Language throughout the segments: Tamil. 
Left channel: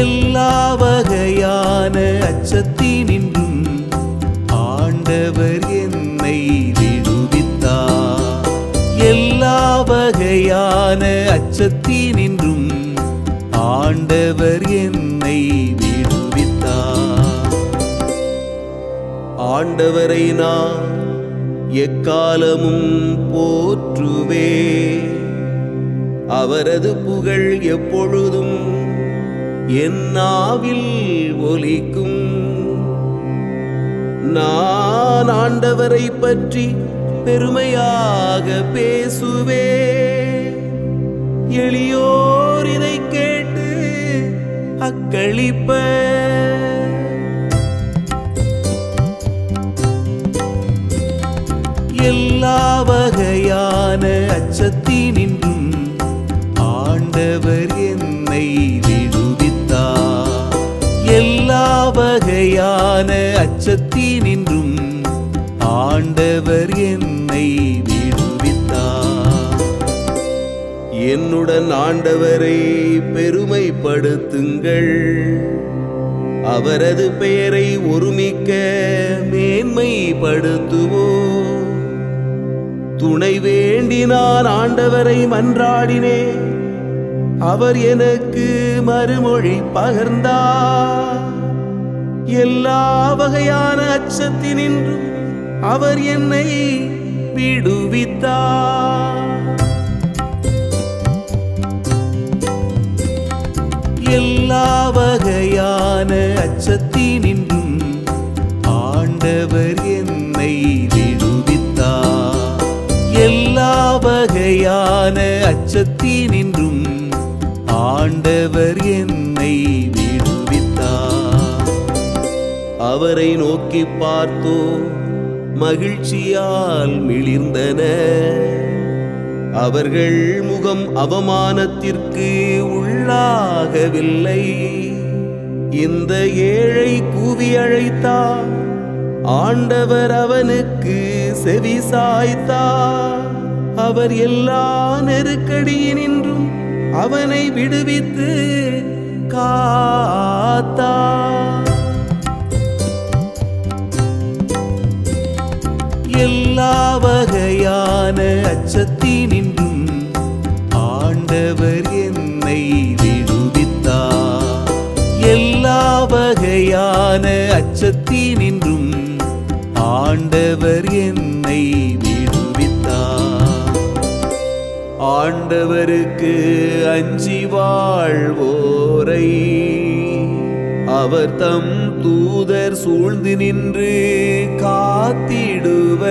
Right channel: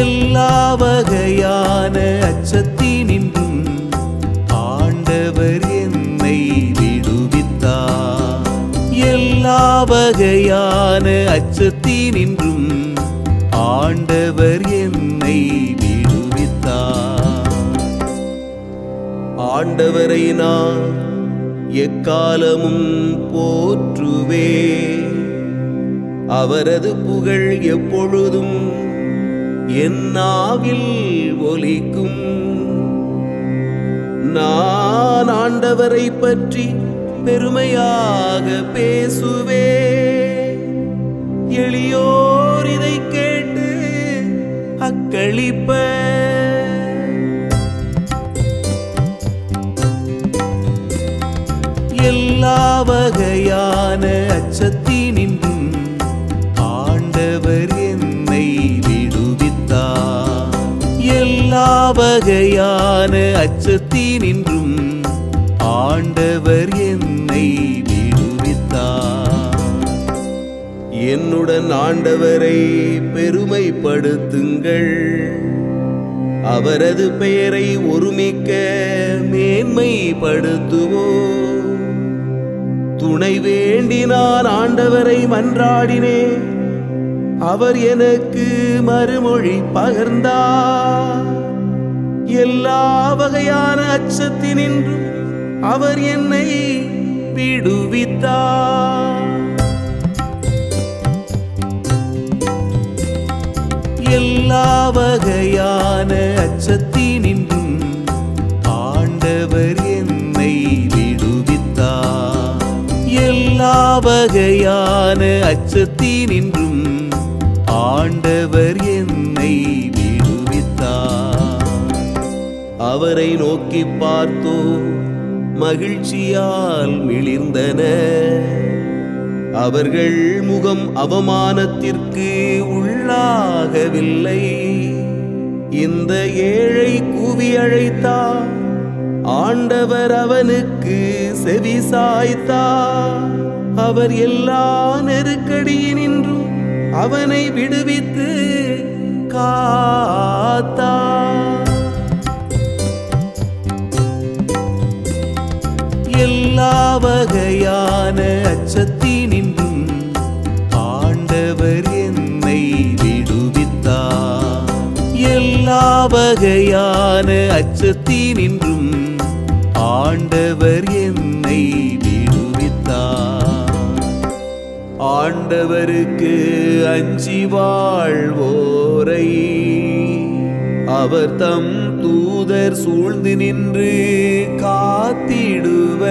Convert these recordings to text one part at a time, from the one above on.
எல்லா வகையான அச்சத்தினின்றும் ஆண்டவர் என்னை விடுவித்தார். எல்லா வகையான அச்சத்தினின்றும் ஆண்டவர் என்னை விடுவித்தார். ஆண்டவரை நான் எக்காலமும் போற்றுவே, அவரது புகழ் எப்பொழுதும் என் நாவில் ஒலிக்கும். நான் ஆண்டவரை பற்றி பெருமையாக பேசுவே, எளியோர் இதை கேட்டு அக்களிப்ப. எல்லா வகையான அச்சத்தினின்றும் ஆண்டவர் என்னை விடுவித்தார். எல்லா வகையான அச்சத்தினின்றும் ஆண்டவர் என்னை விடுவித்தார். என்னுடன் ஆண்டவரை பெருமைப்படுத்துங்கள், அவரது பெயரை ஒருமிக்க மேன்மைப்படுத்துவோம். துணை வேண்டி நான் ஆண்டவரை மன்றாடினேன், அவர் எனக்கு மறுமொழி பகர்ந்தார். எல்லா வகையான அச்சத்தினின்றும் அவர் என்னை விடுவித்தார். எல்லா வகையான அச்சத்தினின்றும் ஆண்டவர் என்னை விடுவித்தார். எல்லா வகையான அச்சத்தினின்றும் ஆண்டவர் என்னை விடுவித்தார். அவரை நோக்கி பார்த்தோ மகிழ்ச்சியால் மிளிர்ந்தன, அவர்கள் முகம் அவமானத்திற்கு உள்ளாகவில்லை. இந்த ஏழை கூவி அழைத்தார், ஆண்டவர் அவனுக்கு செவி சாய்த்தார். அவர் எல்லா நெருக்கடியினின்றும் அவனை விடுவித்து காத்தார். எல்லா வகையான அச்சத்தினின்றும் ஆண்டவர் என்னை விடுவித்தார். எல்லா வகையான அச்சத்தினின்றும் ஆண்டவர் என்னை விடுவித்தார். ஆண்டவருக்கு அஞ்சி வாழ்வோரை அவர் தம் தூதர் சூழ்ந்து நின்று காத்திடுவர்.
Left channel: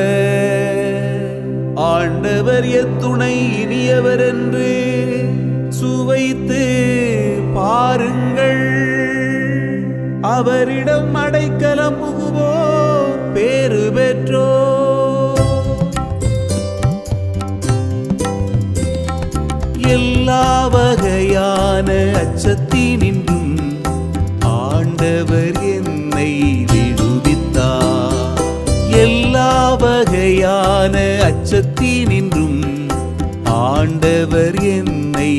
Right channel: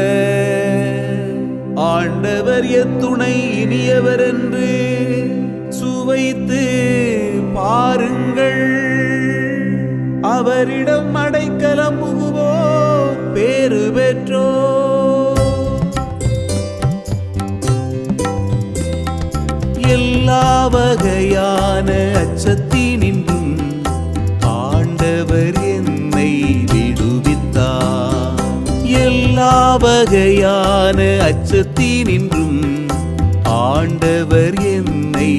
ஆண்டவர் எத்துணை இனியவர் என்று சுவைத்து பாருங்கள். அவரிடம் அடைக்கலம் புகுவோர் பேறு பெற்றோர். எல்லா வகையான அச்சத்தினின்றும் ஆண்டவர் என்னை விடுவித்தார். எல்லா வகையான அச்சத்தினின்றும் ஆண்டவர் என்னை